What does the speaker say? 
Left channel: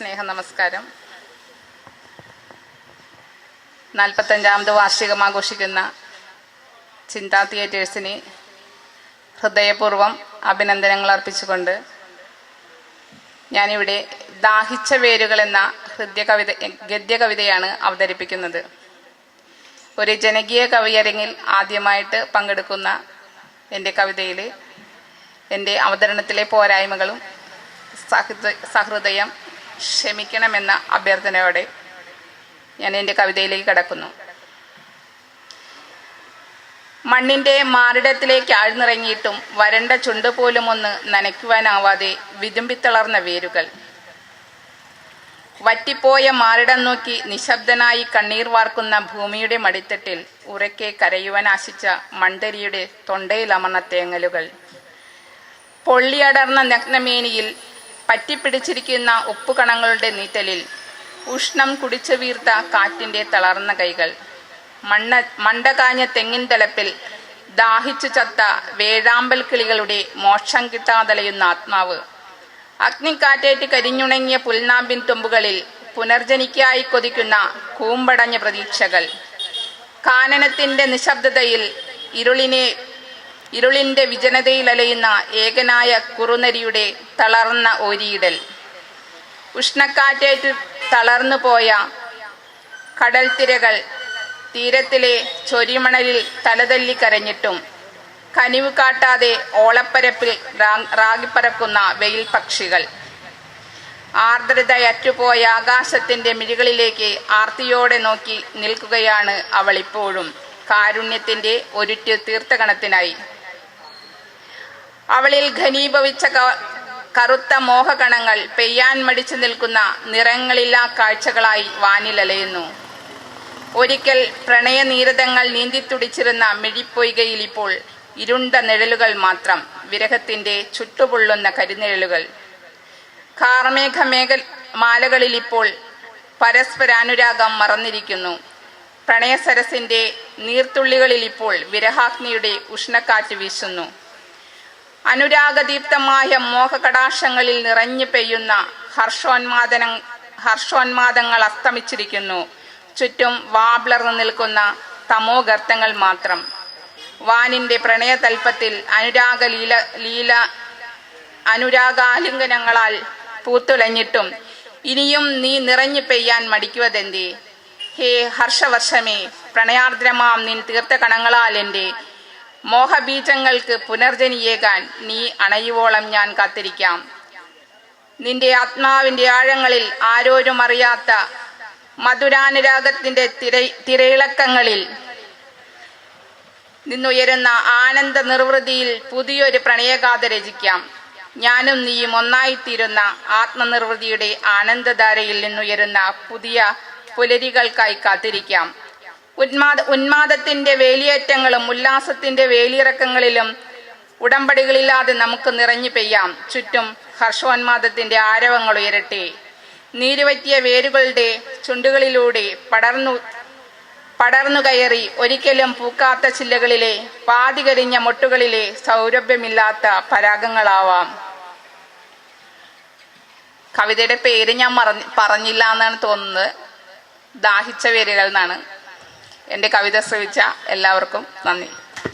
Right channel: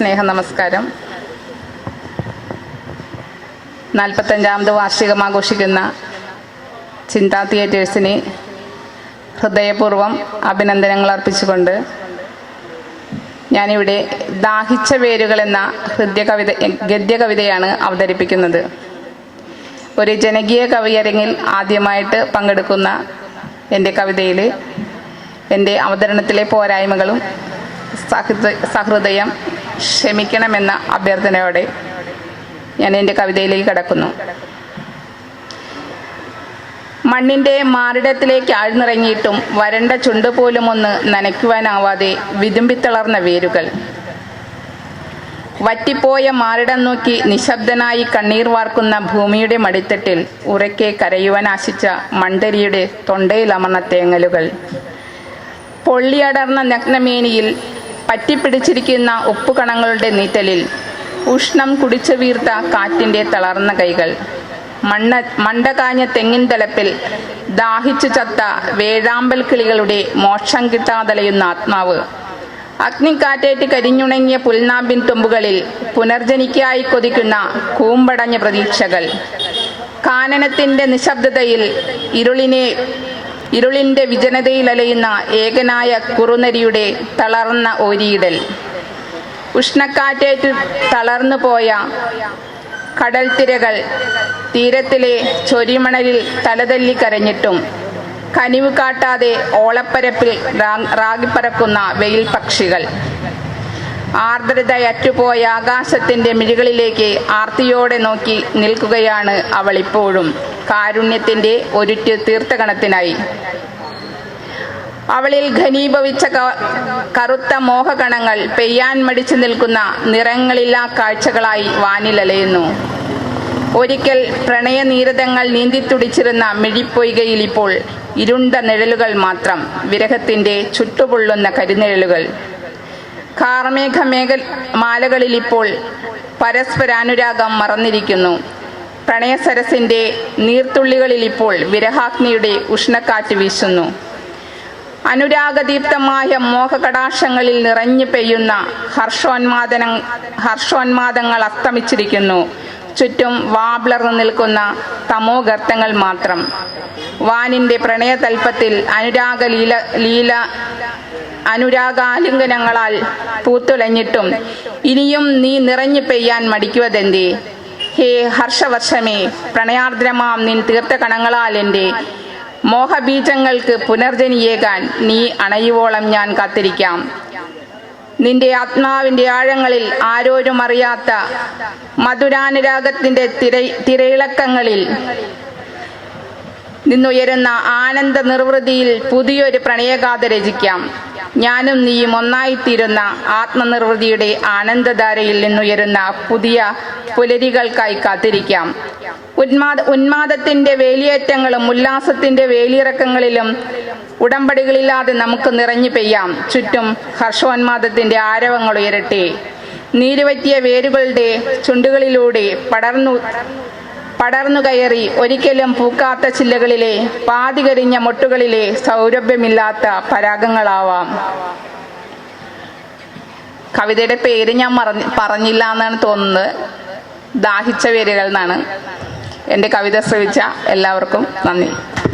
സ്നേഹ നമസ്കാരം. 45ാമത് വാർഷികം ആഘോഷിക്കുന്ന ചിന്താ തിയേറ്റേഴ്സിന് ഹൃദയപൂർവ്വം അഭിനന്ദനങ്ങൾ അർപ്പിച്ചുകൊണ്ട് ഞാനിവിടെ ദാഹിച്ച വേരുകൾ എന്ന ഗദ്യകവിതയാണ് അവതരിപ്പിക്കുന്നത്. ഒരു ജനകീയ കവിയരങ്ങിൽ ആദ്യമായിട്ട് പങ്കെടുക്കുന്ന എൻ്റെ കവിതയിൽ എൻ്റെ അവതരണത്തിലെ പോരായ്മകളും സഹൃദയം ക്ഷമിക്കണമെന്ന അഭ്യർത്ഥനയോടെ ഞാൻ എൻ്റെ കവിതയിലേക്ക് കടക്കുന്നു. മണ്ണിൻ്റെ മാറിടത്തിലേക്ക് ആഴ്ന്നിറങ്ങിയിട്ടും വരണ്ട ചുണ്ടുപോലും ഒന്ന് നനയ്ക്കുവാനാവാതെ വിതുമ്പിത്തളർന്ന വേരുകൾ, വറ്റിപ്പോയ മാറിടം നോക്കി നിശബ്ദനായി കണ്ണീർ വാർക്കുന്ന ഭൂമിയുടെ മടിത്തട്ടിൽ ഉറക്കെ കരയുവാൻ ആശിച്ച മണ്ടരിയുടെ തൊണ്ടയിലമർന്ന തേങ്ങലുകൾ, പൊള്ളിയടർന്ന നഗ്നമേനിയിൽ പറ്റിപ്പിടിച്ചിരിക്കുന്ന ഉപ്പുകണങ്ങളുടെ നീറ്റലിൽ ഉഷ്ണം കുടിച്ചു വീർത്ത കാറ്റിൻ്റെ തളർന്ന കൈകൾ, മണ്ടകാഞ്ഞ തെങ്ങിൻ തലപ്പിൽ ദാഹിച്ചു ചത്ത വേഴാമ്പൽ കിളികളുടെ മോക്ഷം കിട്ടാതലയുന്ന ആത്മാവ്, അഗ്നിക്കാറ്റേറ്റ് കരിഞ്ഞുണങ്ങിയ പുൽനാമ്പിൻ തുമ്പുകളിൽ പുനർജനിക്കായി കൊതിക്കുന്ന കൂമ്പടഞ്ഞ പ്രതീക്ഷകൾ, കാനനത്തിന്റെ നിശബ്ദതയിൽ ഇരുളിന്റെ വിജനതയിൽ അലയുന്ന ഏകനായ കുറുനരിയുടെ തളർന്ന ഓരിയിടൽ, ഉഷ്ണക്കാറ്റേറ്റ് തളർന്നു പോയ കടൽ തിരകൾ തീരത്തിലെ ചൊരിമണലിൽ തലതല്ലി കരഞ്ഞിട്ടും കനിവ് കാട്ടാതെ ഓളപ്പരപ്പിൽ റാഗിപ്പറക്കുന്ന വെയിൽ പക്ഷികൾ, ആർദ്രതയറ്റുപോയ ആകാശത്തിന്റെ മിഴികളിലേക്ക് ആർത്തിയോടെ നോക്കി നിൽക്കുകയാണ് അവൾ ഇപ്പോഴും കാരുണ്യത്തിന്റെ ഒരുറ്റ് തീർത്ഥകണത്തിനായി. അവളിൽ ഘനീഭവിച്ച കറുത്ത മോഹകണങ്ങൾ പെയ്യാൻ മടിച്ചു നിൽക്കുന്ന നിറങ്ങളില്ലാ കാഴ്ചകളായി വാനിലലയുന്നു. ഒരിക്കൽ പ്രണയനീരതങ്ങൾ നീന്തിത്തുടിച്ചിരുന്ന മിഴിപ്പൊയ്കയിൽ ഇപ്പോൾ ഇരുണ്ട നിഴലുകൾ മാത്രം, വിരഹത്തിന്റെ ചുട്ടുപൊള്ളുന്ന കരിനിഴലുകൾ. മാലകളിൽ ഇപ്പോൾ പരസ്പരാനുരാഗം മറന്നിരിക്കുന്നു. പ്രണയസരസിന്റെ നീർത്തുള്ളികളിൽ ഇപ്പോൾ വിരഹാഗ്നിയുടെ ഉഷ്ണക്കാറ്റ് വീശുന്നു. അനുരാഗദീപ്തമായ മോഹകടാക്ഷങ്ങളിൽ നിറഞ്ഞു പെയ്യുന്ന ഹർഷോന്മാദങ്ങൾ അസ്തമിച്ചിരിക്കുന്നു. ചുറ്റും വാബ്ലർന്നു നിൽക്കുന്ന തമോഗർത്തങ്ങൾ മാത്രം. വാനിന്റെ പ്രണയതൽപ്പത്തിൽ അനുരാഗാലിംഗനങ്ങളാൽ പൂത്തുലഞ്ഞിട്ടും ഇനിയും നീ നിറഞ്ഞു പെയ്യാൻ മടിക്കുവതെന്തേ? ഹേ ഹർഷവർഷമേ, പ്രണയാർദ്രമാം നിൻ തീർത്ഥകണങ്ങളാൽ എൻ്റെ മോഹബീജങ്ങൾക്ക് പുനർജനിയേകാൻ നീ അണയുവോളം ഞാൻ കാത്തിരിക്കാം. നിന്റെ ആത്മാവിന്റെ ആഴങ്ങളിൽ ആരോരും അറിയാത്ത മധുരാനുരാഗത്തിന്റെ തിരയിളക്കങ്ങളിൽ നിന്നുയരുന്ന ആനന്ദ നിർവൃതിയിൽ പുതിയൊരു പ്രണയഗാഥ രചിക്കാം. ഞാനും നീയും ഒന്നായിത്തീരുന്ന ആത്മനിർവൃതിയുടെ ആനന്ദധാരയിൽ നിന്നുയരുന്ന പുതിയ പുലരികൾക്കായി കാത്തിരിക്കാം. ഉന്മാദത്തിന്റെ വേലിയേറ്റങ്ങളും ഉല്ലാസത്തിന്റെ വേലിയിറക്കങ്ങളിലും ഉടമ്പടികളില്ലാതെ നമുക്ക് നിറഞ്ഞു പെയ്യാം. ചുറ്റും ഹർഷോന്മാദത്തിന്റെ ആരവങ്ങൾ ഉയരട്ടെ. നീരുവറ്റിയ വേരുകളുടെ ചുണ്ടുകളിലൂടെ പടർന്നു കയറി ഒരിക്കലും പൂക്കാത്ത ചില്ലകളിലെ പാതികരിഞ്ഞ മൊട്ടുകളിലെ സൗരഭ്യമില്ലാത്ത പരാഗങ്ങളാവാം. കവിതയുടെ പേര് ഞാൻ പറഞ്ഞില്ല എന്നാണ് തോന്നുന്നത്. ദാഹിച്ച വേരുകൾ എന്നാണ്. എൻ്റെ കവിത ശ്രവിച്ച എല്ലാവർക്കും നന്ദി.